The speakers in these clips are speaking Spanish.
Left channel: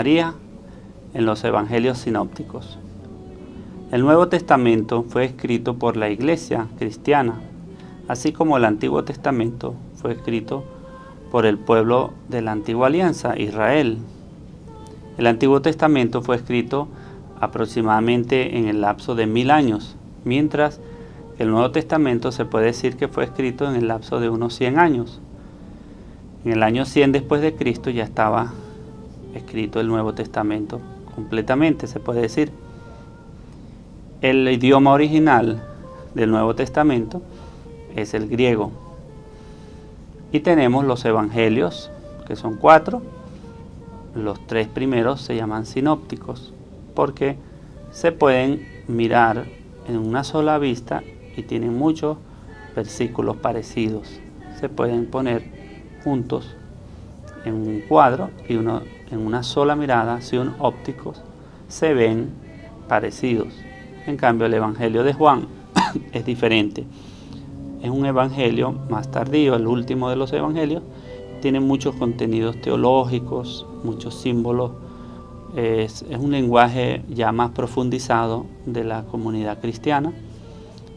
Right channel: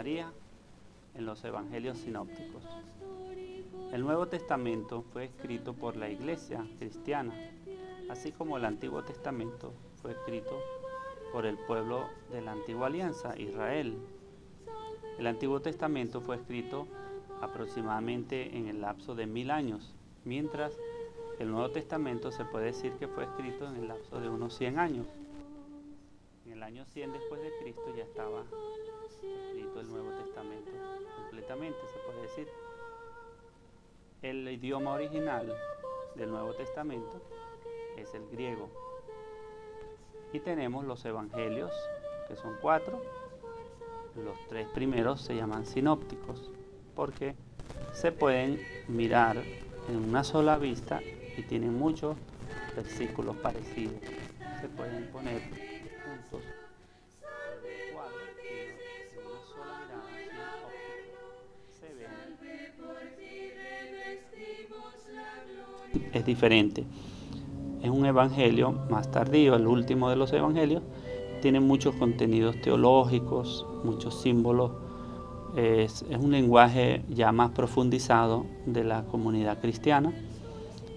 María en los evangelios sinópticos. El Nuevo Testamento fue escrito por la Iglesia cristiana, así como el Antiguo Testamento fue escrito por el pueblo de la Antigua Alianza, Israel. El Antiguo Testamento fue escrito aproximadamente en el lapso de 1000 años, mientras el Nuevo Testamento se puede decir que fue escrito en el lapso de unos 100 años. En el año 100 después de Cristo ya estaba escrito el Nuevo Testamento completamente, se puede decir. El idioma original del Nuevo Testamento es el griego. Y tenemos los evangelios, que son 4. Los 3 primeros se llaman sinópticos, porque se pueden mirar en una sola vista y tienen muchos versículos parecidos. Se pueden poner juntos en un cuadro y en una sola mirada, si son ópticos, se ven parecidos. En cambio, el evangelio de Juan es diferente. Es un evangelio más tardío, el último de los evangelios. Tiene muchos contenidos teológicos, muchos símbolos. Es un lenguaje ya más profundizado de la comunidad cristiana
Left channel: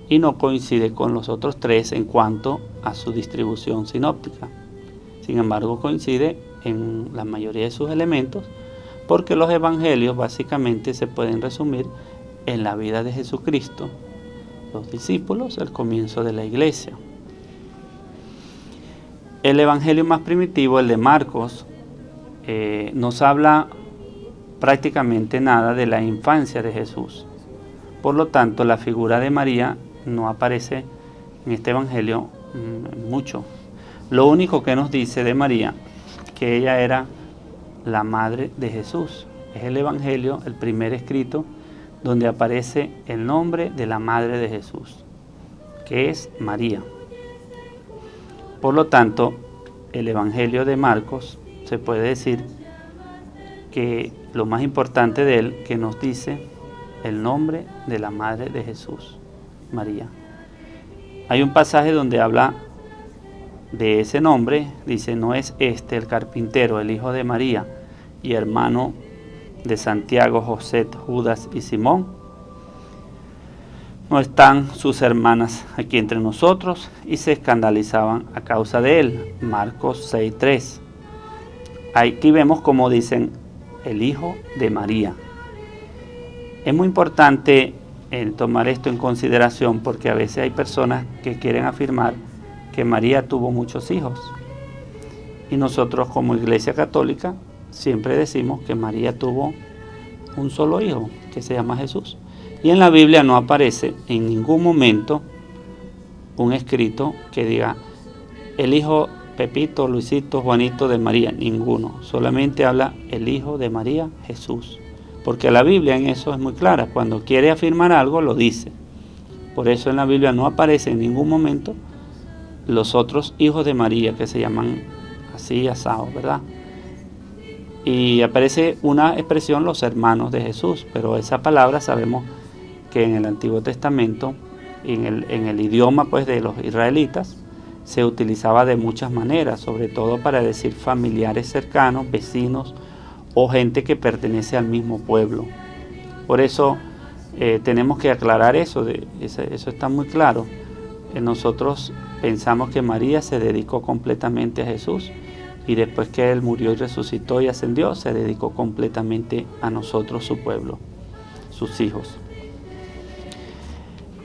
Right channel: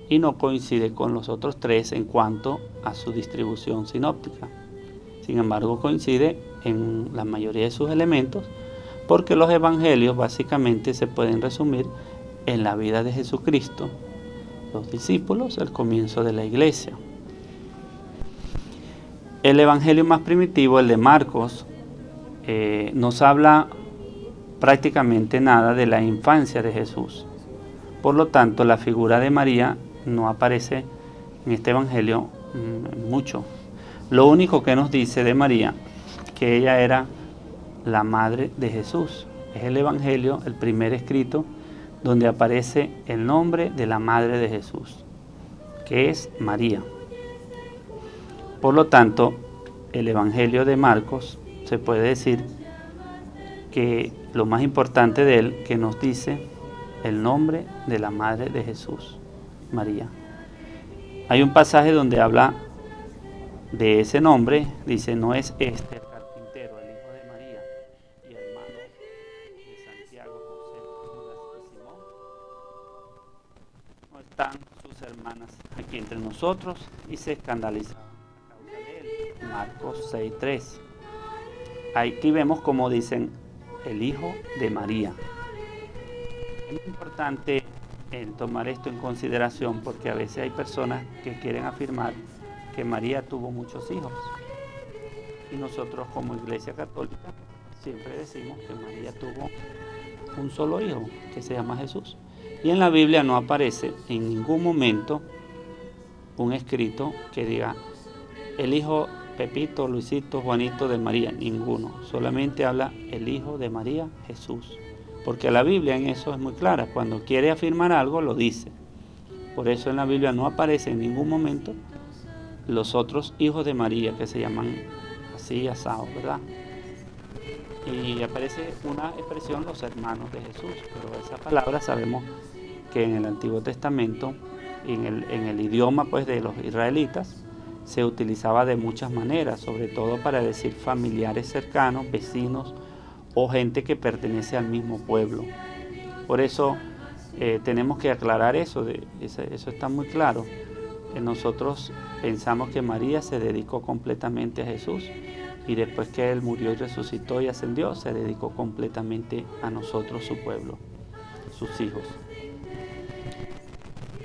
y no coincide con los otros 3 en cuanto a su distribución sinóptica. Sin embargo, coincide en la mayoría de sus elementos, porque los evangelios básicamente se pueden resumir en la vida de Jesucristo, los discípulos, el comienzo de la iglesia. El evangelio más primitivo, el de Marcos, nos habla prácticamente nada de la infancia de Jesús. Por lo tanto, la figura de María no aparece en este evangelio mucho. Lo único que nos dice de María, que ella era la madre de Jesús. Es el evangelio, el primer escrito, donde aparece el nombre de la madre de Jesús, que es María. Por lo tanto, el evangelio de Marcos se puede decir que lo más importante de él, que nos dice el nombre de la madre de Jesús, María. Hay un pasaje donde habla de ese nombre, dice: no es este el carpintero, el hijo de María y hermano de Santiago, José, Judas y Simón. No están sus hermanas aquí entre nosotros, y se escandalizaban a causa de él. Marcos 6:3. Aquí vemos como dicen el hijo de María. Es muy importante tomar esto en consideración, porque a veces hay personas que quieren afirmar que María tuvo muchos hijos, y nosotros como Iglesia Católica siempre decimos que María tuvo un solo hijo, que se llama Jesús. Y en la Biblia no aparece en ningún momento un escrito que diga el hijo Pepito, Luisito, Juanito de María, ninguno. Solamente habla el hijo de María, Jesús. Porque la Biblia en eso es muy clara. Cuando quiere afirmar algo, lo dice. Por eso en la Biblia no aparece en ningún momento los otros hijos de María, que se llaman así, asado, ¿verdad? Y aparece una expresión, los hermanos de Jesús, pero esa palabra sabemos que en el Antiguo Testamento, en el idioma pues de los israelitas, se utilizaba de muchas maneras, sobre todo para decir familiares cercanos, vecinos o gente que pertenece al mismo pueblo. Por eso tenemos que aclarar eso, eso está muy claro. Nosotros pensamos que María se dedicó completamente a Jesús, y después que Él murió y resucitó y ascendió, se dedicó completamente a nosotros, su pueblo, sus hijos.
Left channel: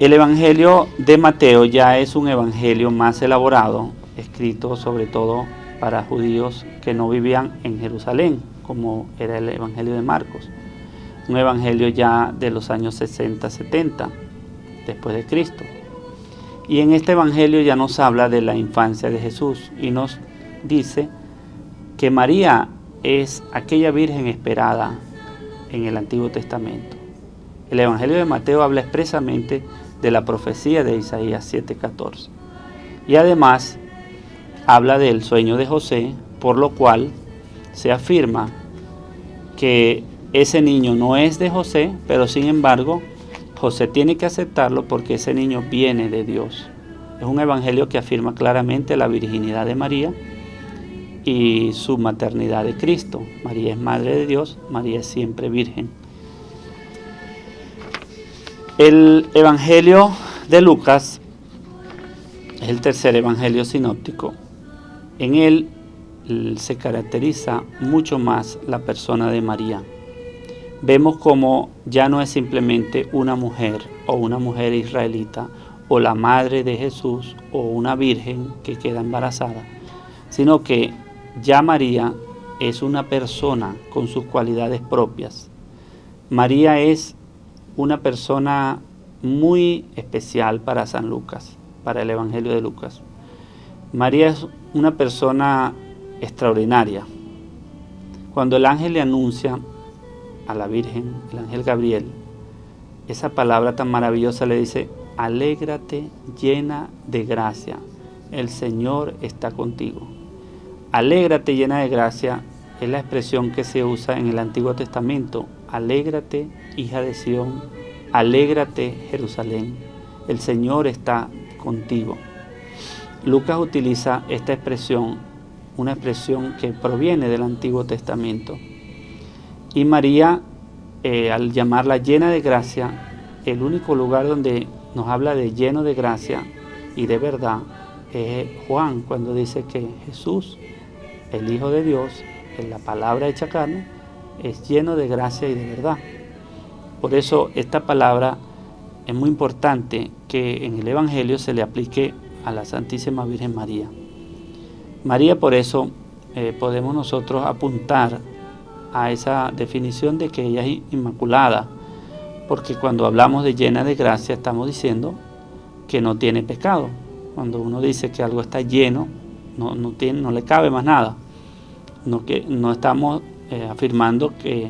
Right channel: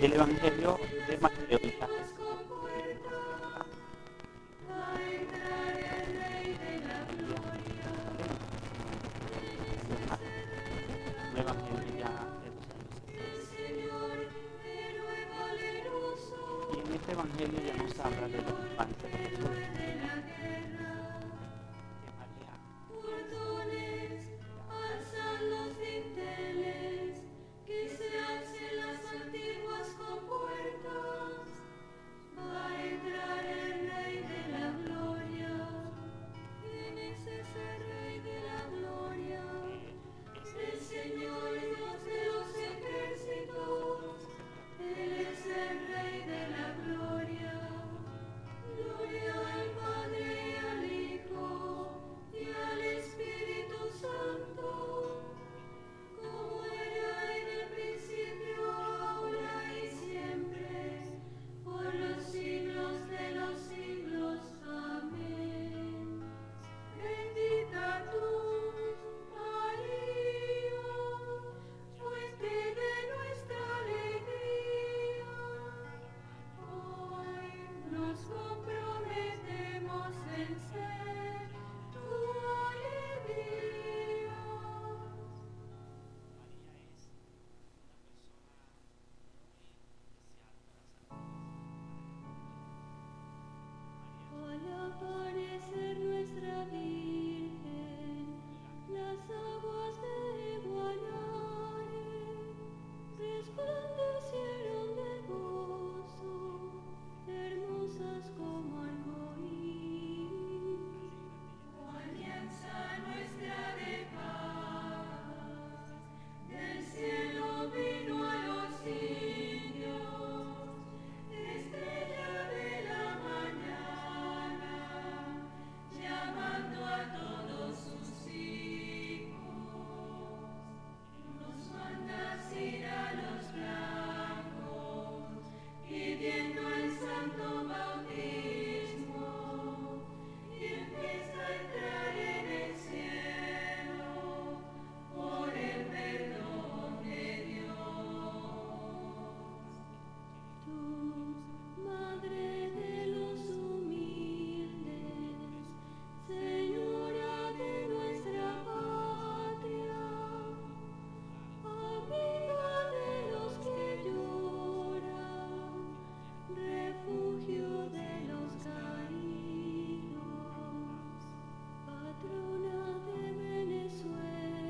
El Evangelio de Mateo ya es un evangelio más elaborado, escrito sobre todo para judíos que no vivían en Jerusalén, como era el Evangelio de Marcos. Un evangelio ya de los años 60, 70, después de Cristo. Y en este evangelio ya nos habla de la infancia de Jesús y nos dice que María es aquella virgen esperada en el Antiguo Testamento. El Evangelio de Mateo habla expresamente de la profecía de Isaías 7:14. Y además habla del sueño de José, por lo cual se afirma que ese niño no es de José, pero sin embargo José tiene que aceptarlo porque ese niño viene de Dios. Es un evangelio que afirma claramente la virginidad de María y su maternidad de Cristo. María es Madre de Dios, María es siempre Virgen. El Evangelio de Lucas es el tercer Evangelio sinóptico. En él se caracteriza mucho más la persona de María. Vemos como ya no es simplemente una mujer o una mujer israelita o la madre de Jesús o una virgen que queda embarazada, sino que ya María es una persona con sus cualidades propias. María es una persona muy especial para San Lucas, para el Evangelio de Lucas. María es una persona extraordinaria. Cuando el ángel le anuncia a la Virgen, el ángel Gabriel, esa palabra tan maravillosa le dice: alégrate llena de gracia, el Señor está contigo. Alégrate llena de gracia es la expresión que se usa en el Antiguo Testamento. Alégrate, hija de Sión, alégrate, Jerusalén, el Señor está contigo. Lucas utiliza esta expresión, una expresión que proviene del Antiguo Testamento. Y María, al llamarla llena de gracia, el único lugar donde nos habla de lleno de gracia y de verdad es Juan, cuando dice que Jesús, el Hijo de Dios, en la palabra hecha carne, es lleno de gracia y de verdad. Por eso esta palabra es muy importante que en el Evangelio se le aplique a la Santísima Virgen María. María, por eso podemos nosotros apuntar a esa definición de que ella es inmaculada, porque cuando hablamos de llena de gracia estamos diciendo que no tiene pecado. Cuando uno dice que algo está lleno, no le cabe más nada. No estamos afirmando que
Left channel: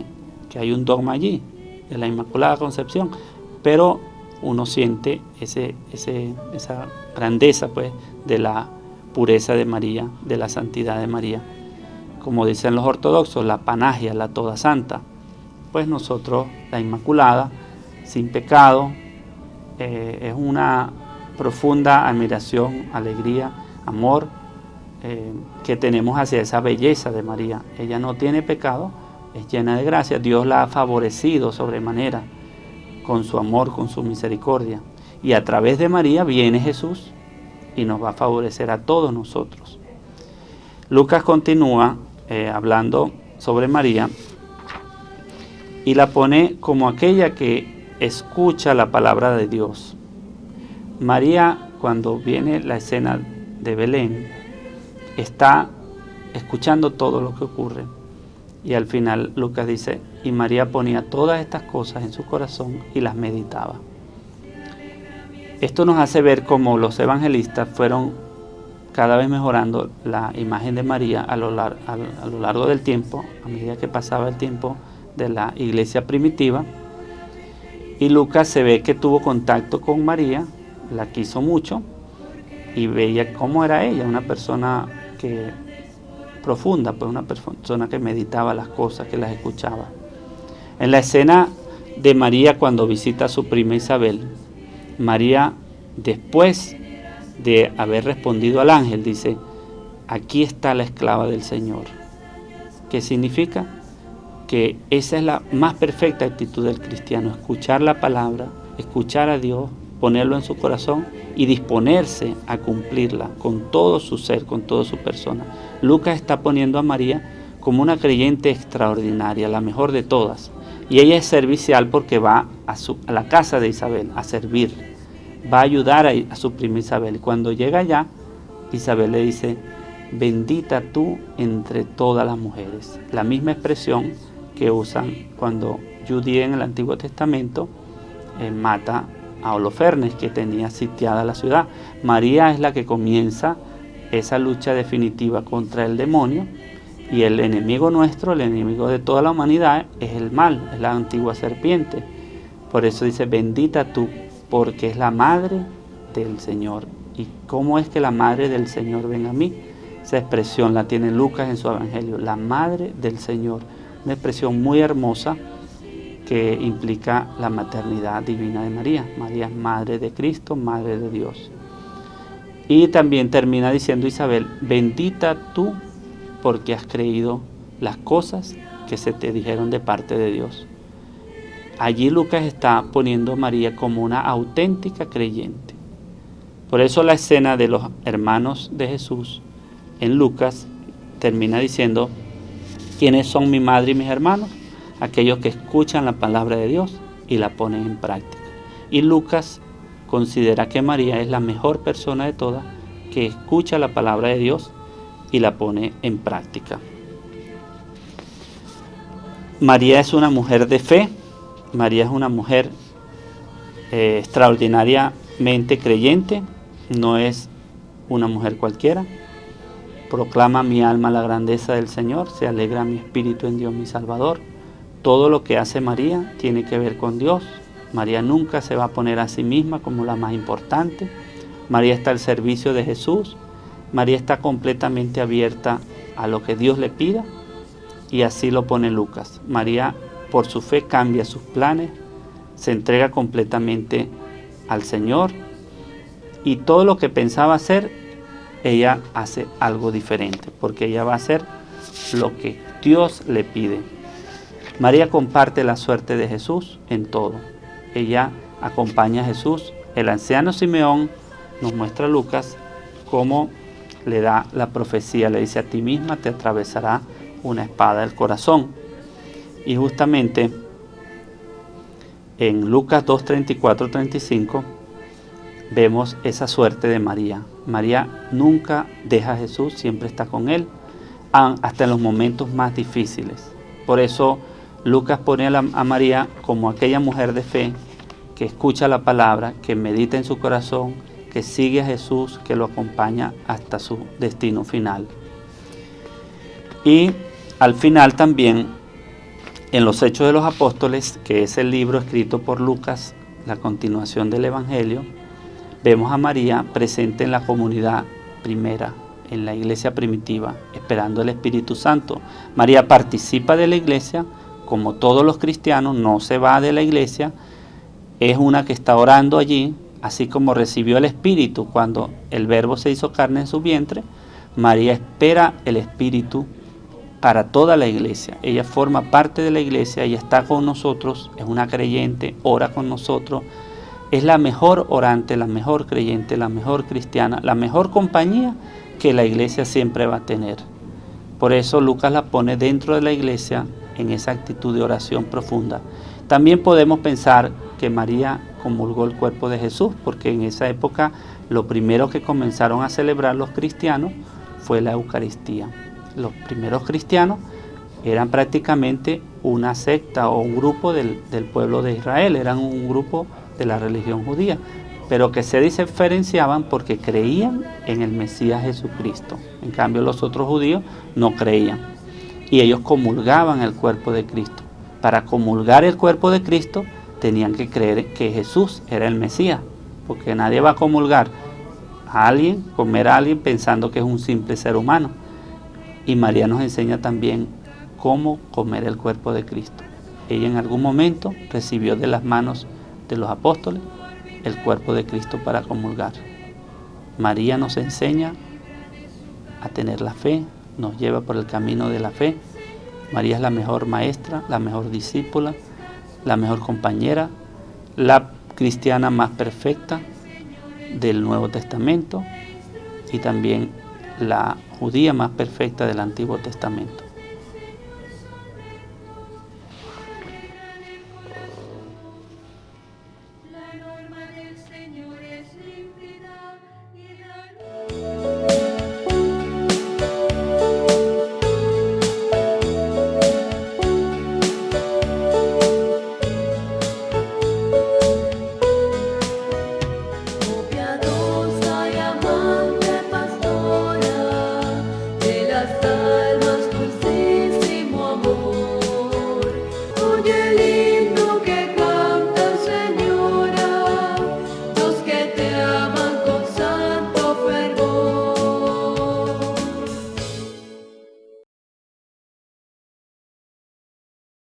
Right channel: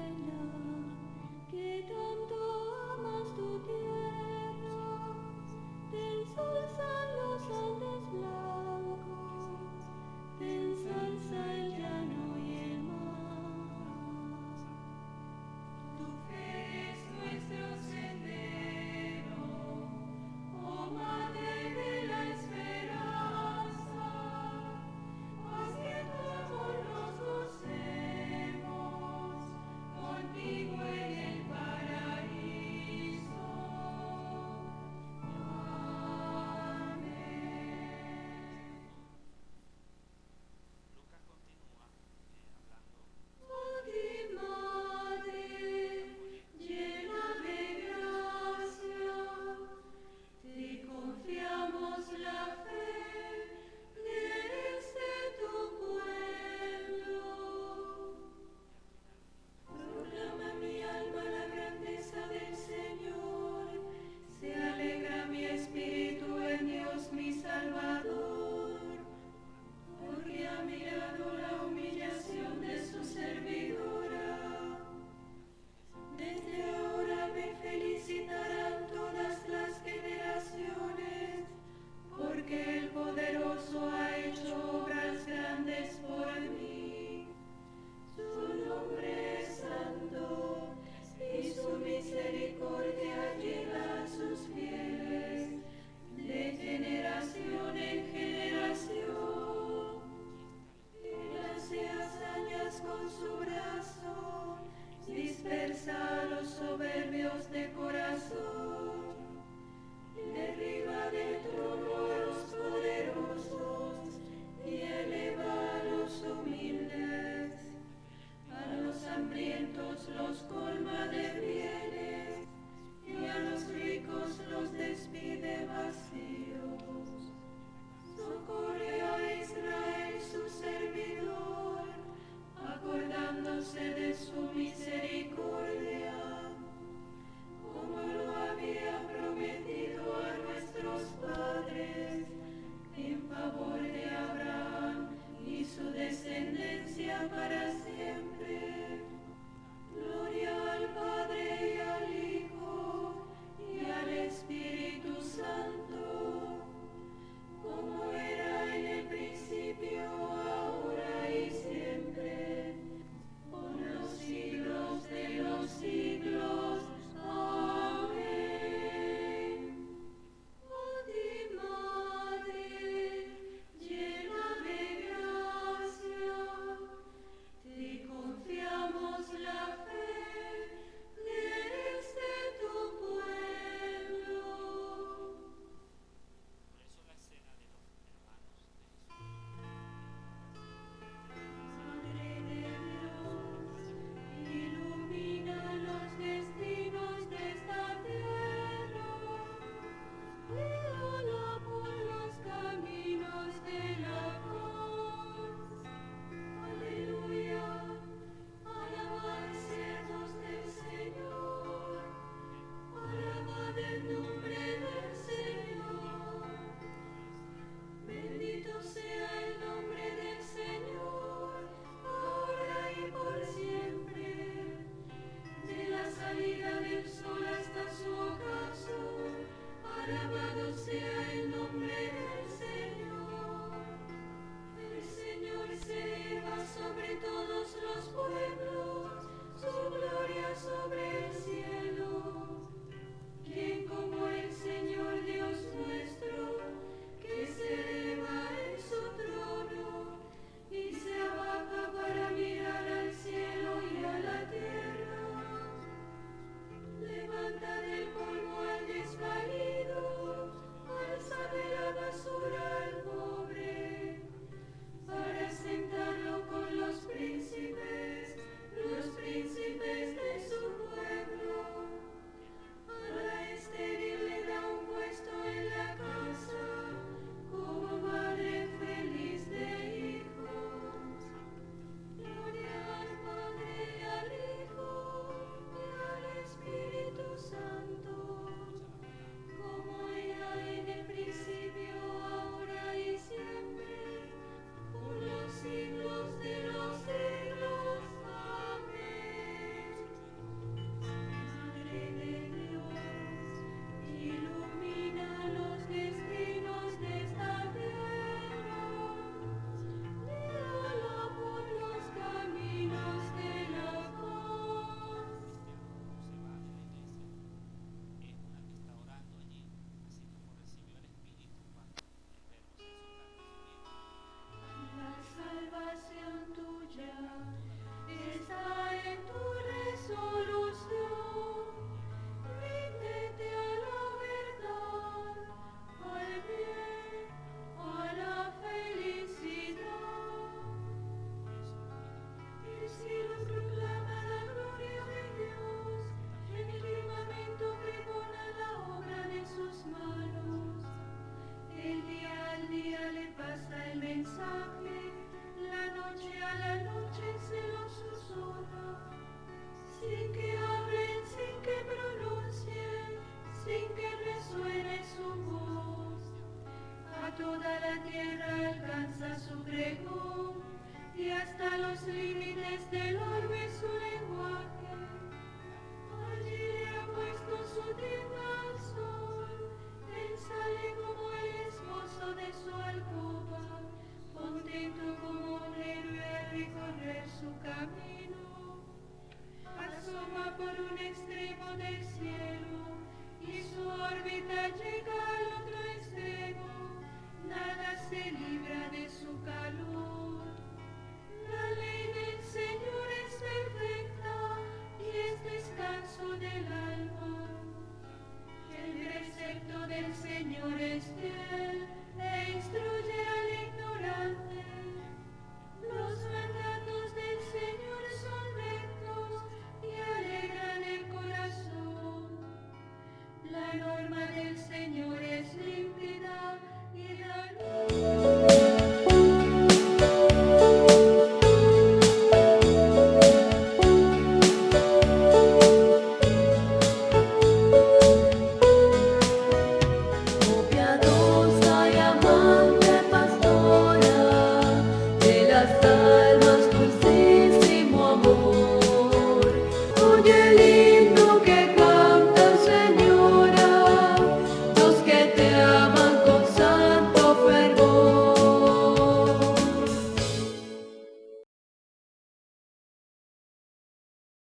hay un dogma allí de la Inmaculada Concepción, pero uno siente esa grandeza pues de la pureza de María, de la santidad de María. Como dicen los ortodoxos, la panagia, la toda santa. Pues nosotros, la Inmaculada, sin pecado, es una profunda admiración, alegría, amor que tenemos hacia esa belleza de María. Ella no tiene pecado, es llena de gracia. Dios la ha favorecido sobremanera con su amor, con su misericordia. Y a través de María viene Jesús y nos va a favorecer a todos nosotros. Lucas continúa hablando sobre María y la pone como aquella que escucha la palabra de Dios. María, cuando viene la escena de Belén, está escuchando todo lo que ocurre. Y al final Lucas dice: y María ponía todas estas cosas en su corazón y las meditaba. Esto nos hace ver cómo los evangelistas fueron cada vez mejorando la imagen de María a lo largo del tiempo, a medida que pasaba el tiempo de la iglesia primitiva. Y Lucas se ve que tuvo contacto con María, la quiso mucho y veía cómo era ella, una persona profunda, pues una persona que meditaba las cosas, que las escuchaba. En la escena de María cuando visita a su prima Isabel, María, después de haber respondido al ángel, dice: aquí está la esclava del Señor. ¿Qué significa? Que esa es la más perfecta actitud del cristiano: escuchar la palabra, escuchar a Dios, ponerlo en su corazón y disponerse a cumplirla con todo su ser, con toda su persona. Lucas está poniendo a María como una creyente extraordinaria, la mejor de todas. Y ella es servicial porque va a la casa de Isabel a servir, va a ayudar a su prima Isabel. Y cuando llega allá, Isabel le dice: bendita tú entre todas las mujeres. La misma expresión que usan cuando Judía en el Antiguo Testamento mata a Holofernes, que tenía sitiada la ciudad. María es la que comienza esa lucha definitiva contra el demonio, y el enemigo nuestro, el enemigo de toda la humanidad, es el mal, es la antigua serpiente. Por eso dice: bendita tú, porque es la madre del Señor. ¿Y cómo es que la madre del Señor venga a mí? Esa expresión la tiene Lucas en su Evangelio, la madre del Señor. Una expresión muy hermosa que implica la maternidad divina de María. María es madre de Cristo, madre de Dios. Y también termina diciendo Isabel: bendita tú porque has creído las cosas que se te dijeron de parte de Dios. Allí Lucas está poniendo a María como una auténtica creyente. Por eso la escena de los hermanos de Jesús en Lucas termina diciendo: ¿quiénes son mi madre y mis hermanos? Aquellos que escuchan la palabra de Dios y la ponen en práctica. Y Lucas considera que María es la mejor persona de todas, que escucha la palabra de Dios y la pone en práctica. María es una mujer de fe. María es una mujer extraordinariamente creyente. No es una mujer cualquiera. Proclama mi alma la grandeza del Señor, se alegra mi espíritu en Dios mi Salvador. Todo lo que hace María tiene que ver con Dios. María nunca se va a poner a sí misma como la más importante. María está al servicio de Jesús. María está completamente abierta a lo que Dios le pida, y así lo pone Lucas. María, por su fe, cambia sus planes, se entrega completamente al Señor, y todo lo que pensaba hacer, ella hace algo diferente, porque ella va a hacer lo que Dios le pide. María comparte la suerte de Jesús en todo. Ella acompaña a Jesús. El anciano Simeón, nos muestra Lucas, cómo le da la profecía. Le dice: a ti misma te atravesará una espada del corazón. Y justamente en Lucas 2, 34, 35 vemos esa suerte de María. María nunca deja a Jesús, siempre está con él, hasta en los momentos más difíciles. Por eso Lucas pone a María como aquella mujer de fe que escucha la palabra, que medita en su corazón, que sigue a Jesús, que lo acompaña hasta su destino final. Y al final también, en los Hechos de los Apóstoles, que es el libro escrito por Lucas, la continuación del Evangelio, vemos a María presente en la comunidad primera, en la iglesia primitiva, esperando el Espíritu Santo. María participa de la iglesia, como todos los cristianos, no se va de la iglesia, es una que está orando allí, así como recibió el Espíritu cuando el Verbo se hizo carne en su vientre. María espera el Espíritu para toda la iglesia. Ella forma parte de la iglesia, ella está con nosotros, es una creyente, ora con nosotros, es la mejor orante, la mejor creyente, la mejor cristiana, la mejor compañía que la iglesia siempre va a tener. Por eso Lucas la pone dentro de la iglesia en esa actitud de oración profunda. También podemos pensar que María comulgó el cuerpo de Jesús, porque en esa época lo primero que comenzaron a celebrar los cristianos fue la Eucaristía. Los primeros cristianos eran prácticamente una secta o un grupo del pueblo de Israel, eran un grupo de la religión judía, pero que se diferenciaban porque creían en el Mesías Jesucristo. En cambio, los otros judíos no creían, y ellos comulgaban el cuerpo de Cristo. Para comulgar el cuerpo de Cristo tenían que creer que Jesús era el Mesías, porque nadie va a comulgar a alguien, comer a alguien pensando que es un simple ser humano. Y María nos enseña también cómo comer el cuerpo de Cristo. Ella en algún momento recibió de las manos de los apóstoles el cuerpo de Cristo para comulgar. María nos enseña a tener la fe, nos lleva por el camino de la fe. María es la mejor maestra, la mejor discípula, la mejor compañera, la cristiana más perfecta del Nuevo Testamento, y también la judía más perfecta del Antiguo Testamento.